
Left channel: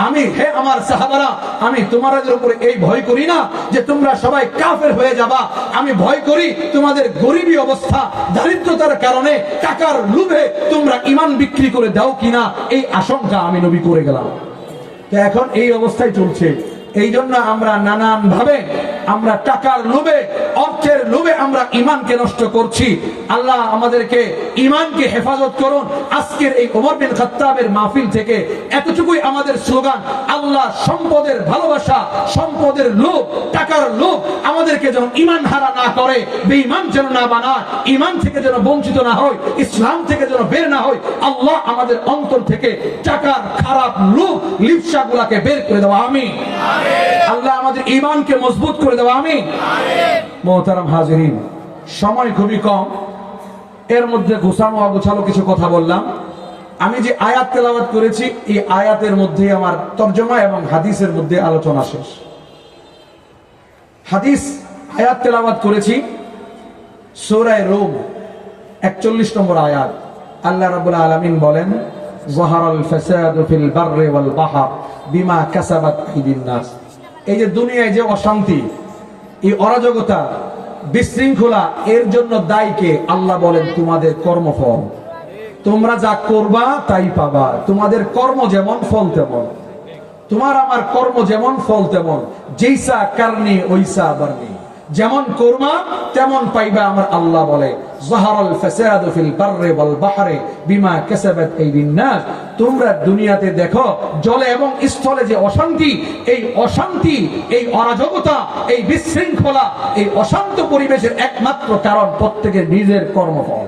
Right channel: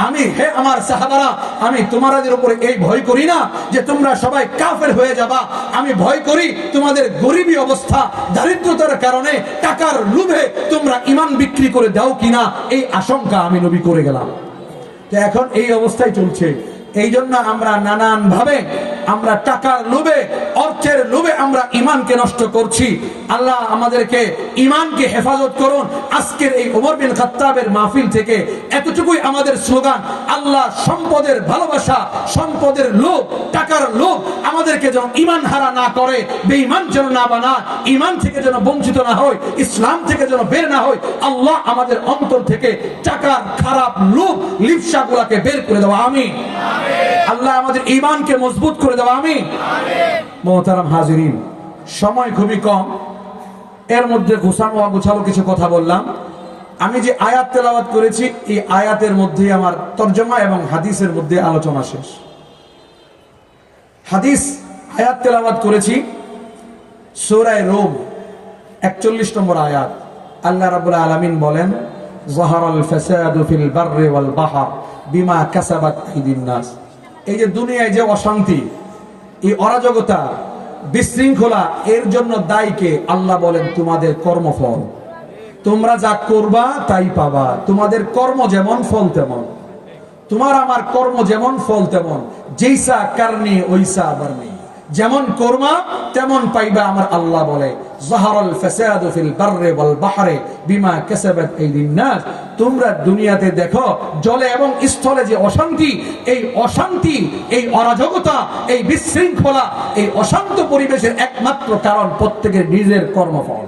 S1: আমি, হে আমার সাহাবারা, আমি তোমাদের উপরে এই ভয় করি না যে তোমরা সবাই কাফের হয়ে যাবা। আমি ভয় করি তোমাদের গরিবী অবস্থা, দারিদ্রতার কারণে টাকার লোভে তোমরা ইমান বিক্রি করে দাও কিনা, এই আশঙ্কা আমি নবী করে গেলাম। তো এখন এই অবস্থায় চলছে। এই জন্য আমরা নানান ভাবে আমরা টাকার লোভে, অর্থের লোভে আমরা ইমানকে নষ্ট করছি। আল্লাহ আমাদেরকে ইমানকে হেফাজত করুন। আজকের এই ওমর বিন খাত্তাবের মাহফিল থেকে এতটুকুই আমাদের স্লোগান। আল্লাহ সম্পদের ভালোবাসা, সম্পদের লোভ, টাকার লোভ আমাদেরকে যেন ইমান হারা না করে, বেঈমান যেন না বানা ইমান থেকে যেন বঞ্চিত না হয়, ইসলাম থেকে যেন বের না হয়, আল্লাহ আমাদের অন্তর থেকে টাকার খারাপ লোভ লিপসা গুলাকে বের করে দেওয়া। আমি আল্লাহ আমাদের ইমানকে মজবুত করে দেওয়া আমি মোহতারাম হাজিরিন, সময় খুবই কম। এর মধ্যে ঘোষানো গোছালো কিছু কথা বললাম। আমি যে আয়াত তেলাওয়াত করেছি, এই আয়াতের মধ্যে আমার তর্জমা এবং হাদিসের মধ্যে আলোচনা শেষ। হাদিস, আয়াত তেলাওয়াত করেছি, সৌরায় রোম, একচল্লিশ নম্বর আয়াত। আল্লাহ রাবুল আলমিন বলেন, জহারাল ফাসাদু ফিল বাহর। বিমা কাসাবাত নাস। এই যে দুনিয়ায় যে অশান্তি, এই অরাজকতা, বিশৃঙ্খলা, এর জন্য দায়ীকে আল্লাহ বলেন তোমাদের কর্মফল। তোমরা যা করবা তাই পাবা। তোমাদের কর্ম যেমন, ফল তেমন। তোমার আমার কর্ম যেমন, ফল তেমন। যেইসা কারণে, ওইসা বারনি যেমন কর্মা, তেমন পাইবা আমার আল্লাহ বলে। তোমরা দুনিয়াতে দেখো, জলে এবং স্থলে যে অশান্তি, এই অশান্তি, এই অরাজকতা, এই বিশৃঙ্খলা, এই অশান্ত পরিবেশের একমাত্র কারণ প্রত্যেকের নিজের কর্মফল।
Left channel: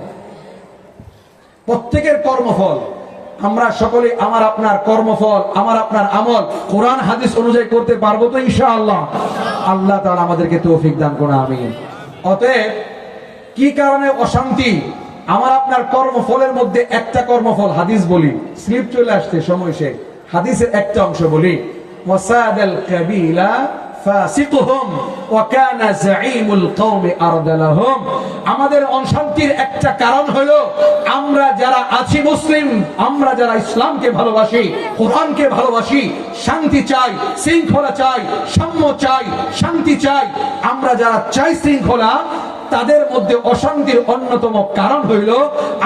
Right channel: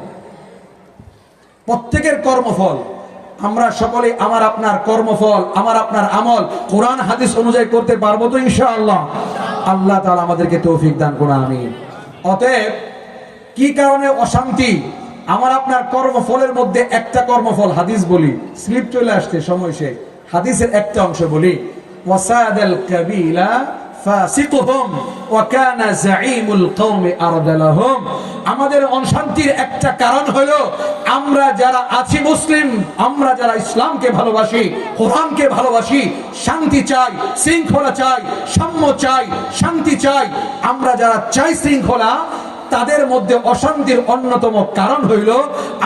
S1: প্রত্যেকের কর্মফল। আমরা সকলে আমার আপনার কর্মফল, আমার আপনার আমল, কোরআন, হাদিস অনুযায়ী করতে পারব তো ইনশাআল্লাহ। আল্লাহ তাআলা আমাদেরকে তৌফিক দান করুন, আমিন। অতএব, কি কারণে অশান্তি? আমার আপনার কর্মফলের মধ্যে একটা কর্মফল, হাদিস বলি। স্লিপ চলে আসছে, সময় সে হাদিসের একটা অংশ বলি। ওয়াসাদাল কাবিলা ফাসিকুহুম ওয়া কানা القوم কওমি আমাদের অশান্তির একটা কারণ হলো আমরা যারা আছি মুসলিম, আমরা যারা ইসলামকে ভালোবাসি, কোরআনকে ভালোবাসি, শান্তি চাই, শৃঙ্খলা চাই, সাম্য চাই, শান্তি চাই, আমরা যারা চাই শৃঙ্খলা তাদের মধ্যে অশান্তির অন্যতম কারণ হইল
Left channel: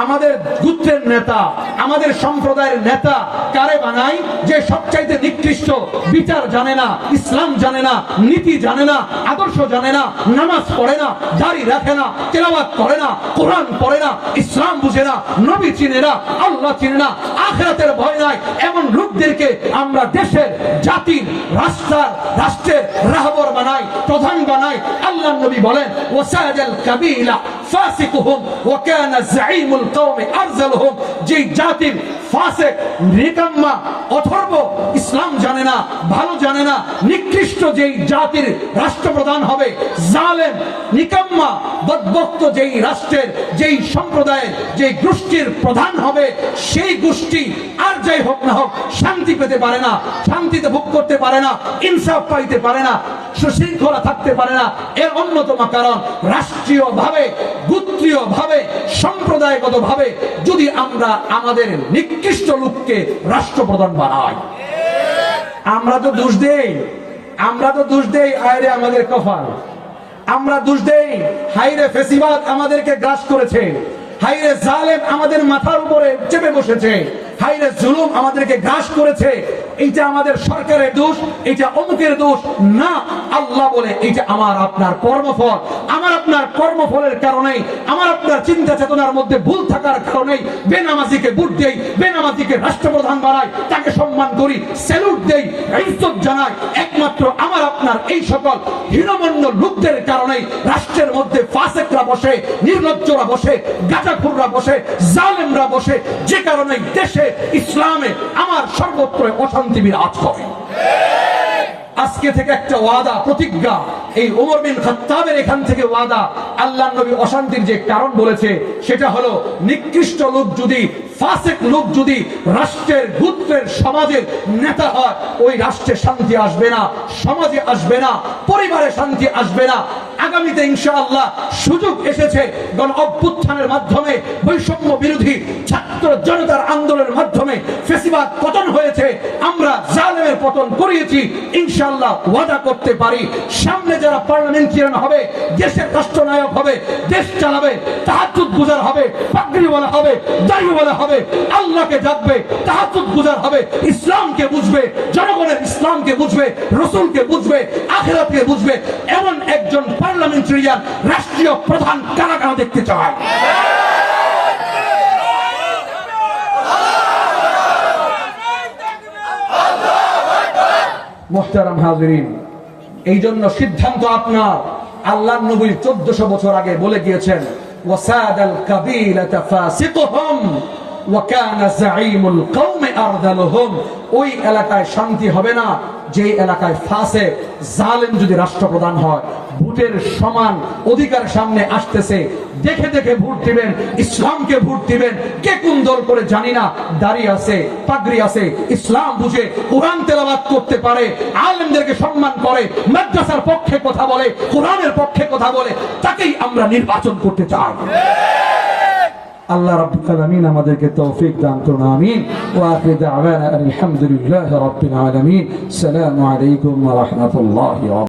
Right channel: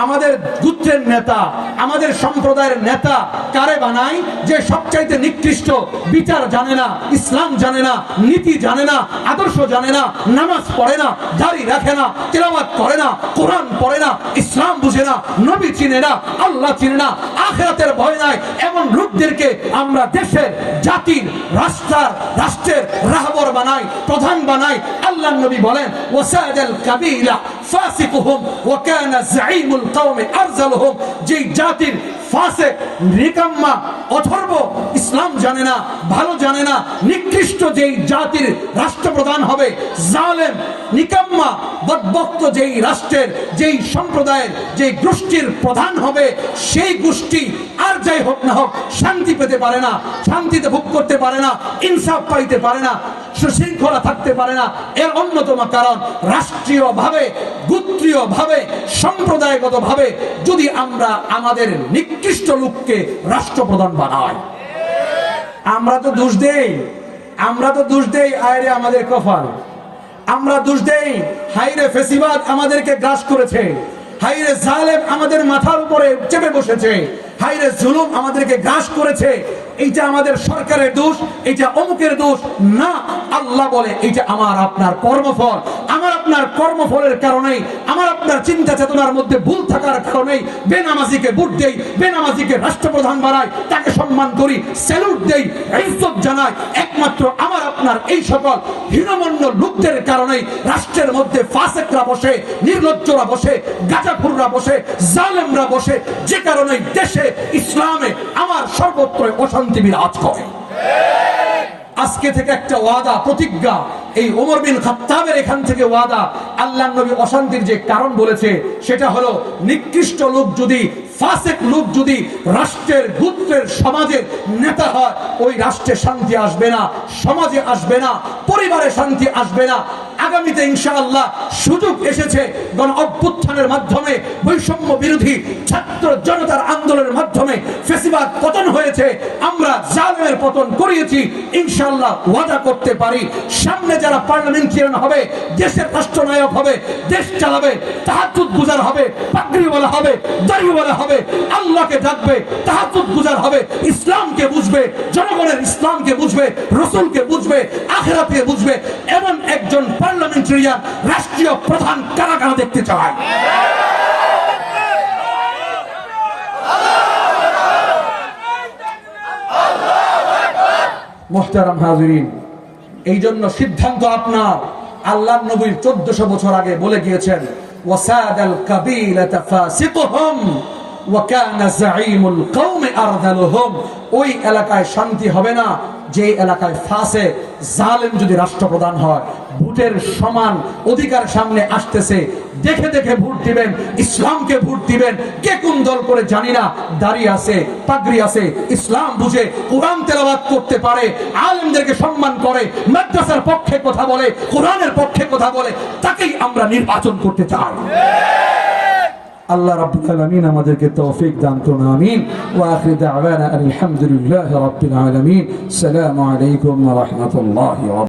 S1: আমাদের গুত্রের নেতা, আমাদের সম্প্রদায়ের নেতা কারে বানায়? যে সবচাইতে নিকৃষ্ট, বিচার জানে না, ইসলাম জানে না, নীতি জানে না, আদর্শ জানে না, নামাজ পড়ে না, দাড়ি রাখে না, তেলাওয়াত করে না, কোরআন পড়ে না, ইসলাম বুঝে না, নবী চিনে না, আল্লাহ চিনে না, আখেরাতের ভয় নাই, এমন লোকদেরকে আমরা দেশের, জাতির রাস্তার রাষ্ট্রের রাহবর বানাই, প্রধান বানাই। আল্লাহ নবী বলেন ওয়াসাদাল কাবিলা ফাসিকুহুম ওয়া কানা জাঈমুল কওমি যেই জাতির ফাসিক নিকাম্মা, অথর্ব ইসলাম জানে না, ভালো জানে না, নিকৃষ্ট যেই জাতির রাষ্ট্রপ্রধান হবে, জালেম, নিকাম্মা বদবক্ত যেই রাষ্ট্রের, যেই সম্প্রদায়ের, যেই গোষ্ঠীর প্রধান হবে, সেই গোষ্ঠী আর যাই হোক না হোক শান্তি পেতে পারে না, শান্তিতে ভোগ করতে পারে না, ইনসাফ পাইতে পারে না। সুশৃঙ্খলা থাকতে পারে না। এর অন্যতম কারণ রাষ্ট্রীয় ভাবে গোত্রীয় ভাবে সম্প্রদায়গত ভাবে যদি আমরা আমাদের নিকৃষ্ট লোককে রাষ্ট্রপ্রধান বানাই। আমরা তো দোষ দেই। আমরা তো দোষ দেই, আয়রে আমাদের কফার আমরা দোষ দেই হাইরে ফেসিবাদ আমাদেরকে গ্রাস করেছে। হাইরে জালেম আমাদের মাথার উপরে চেপে বসেছে। হাইরে জুলুম আমাদেরকে গ্রাস করেছে। এইটা আমাদের সরকারের দোষ, এইটা অমুকের দোষ। না, আল্লাহ বলে এইটা আমার আপনার কর্মফল। আমার আপনার কর্মফলের কারণে আমার আপনার চিন্তা চেতনার মধ্যে ভুল থাকার কারণে বেনামাজিকে ভোট দেই, বেনামাজিকে রাষ্ট্রপ্রধান বানাই, তাকে সম্মান করি স্যালুট দেই, ইজ্জত জানাই। একমাত্র আমার আপনার এই সকল হীনমন্য লোকদের কারণে রাষ্ট্রের মধ্যে ফাসেকরা বসে, নির্লজ্জরা বসে, গাঁজাখুররা বসে, জালেমরা বসে, যে কারণে দেশে ইসলামে আমার সর্বত্র অশান্তি বিরাজ করে। আজকে থেকে একটা ওয়াদা, প্রতিজ্ঞা। এই ওমর বিন খাত্তাবের এখান থেকে ওয়াদা আল্লাহ নবী অশান্তির যে কারণ বলেছে, সেটা হলো নিকৃষ্ট লোক যদি, ফাসেক লোক যদি রাষ্ট্রের, গুত্রের, সমাজের নেতা হয়, ওই রাষ্ট্রে শান্তি আসবে না, সমাজে আসবে না, পরিবারে শান্তি আসবে না আগামীতে ইনশাআল্লাহ সুযোগ এসেছে গণ অভ্যুত্থানের মাধ্যমে বৈষম্য বিরোধী ছাত্র জনতার আন্দোলনের মাধ্যমে ফেসিবাদ পতন হয়েছে। আমরা জালেমের পতন করিয়েছি। ইনশাআল্লাহ ওয়াদা করতে পারি। সামনে যারা পার্লামেন্টারিয়ান হবে, দেশের রাষ্ট্রনায়ক হবে, দেশ চালাবে তাহাজুদ গুজার হবে পাগড়িওয়ালা হবে দাড়িওয়ালা হবে, আল্লাহকে ডাকবে তাহাজুদ গুজার হবে, ইসলামকে বুঝবে, জনগণের ইসলামকে বুঝবে, রসুলকে বুঝবে, আখেরাতকে বুঝবে, এমন একজন পার্লামেন্টারিয়ান রাষ্ট্রীয় প্রধান কারা কারা দেখতে চায় মোহতারাম হাজরিন এই জন্য সিদ্ধান্ত আপনার। আল্লাহ নবী চোদ্দশো বছর আগে বলে গিয়েছেন ওয়াসাদাল কাবিলাতা ফাসিকুহুম। ওই এলাকায় শান্তি হবে না। যে এলাকায় ফাসে, জালেম যদি রাষ্ট্রপ্রধান হয়, ভোটের সমান অধিকার সামনে আসতেছে। দেখে দেখে ভোট দিবেন, ইসলামকে ভোট দিবেন। কে কোন দল করে জানি না, দাড়ি আছে, পাগড়ি আছে। ইসলাম বুঝে কোরআন তেলাওয়াত করতে পারে, আলেমদেরকে সম্মান করে, মাদ্রাসার পক্ষে কথা বলে, কোরআনের পক্ষে কথা বলে, তাকেই আমরা নির্বাচন করতে চাই। আল্লাহ রাব্বুল আলামিন আমাদেরকে তৌফিক দান করুন আমিন ওয়া আখির দাওয়ানা আলহামদুলিল্লাহি রাব্বিল আলামিন আসসালামু আলাইকুম ওয়া রাহমাতুল্লাহি ওয়া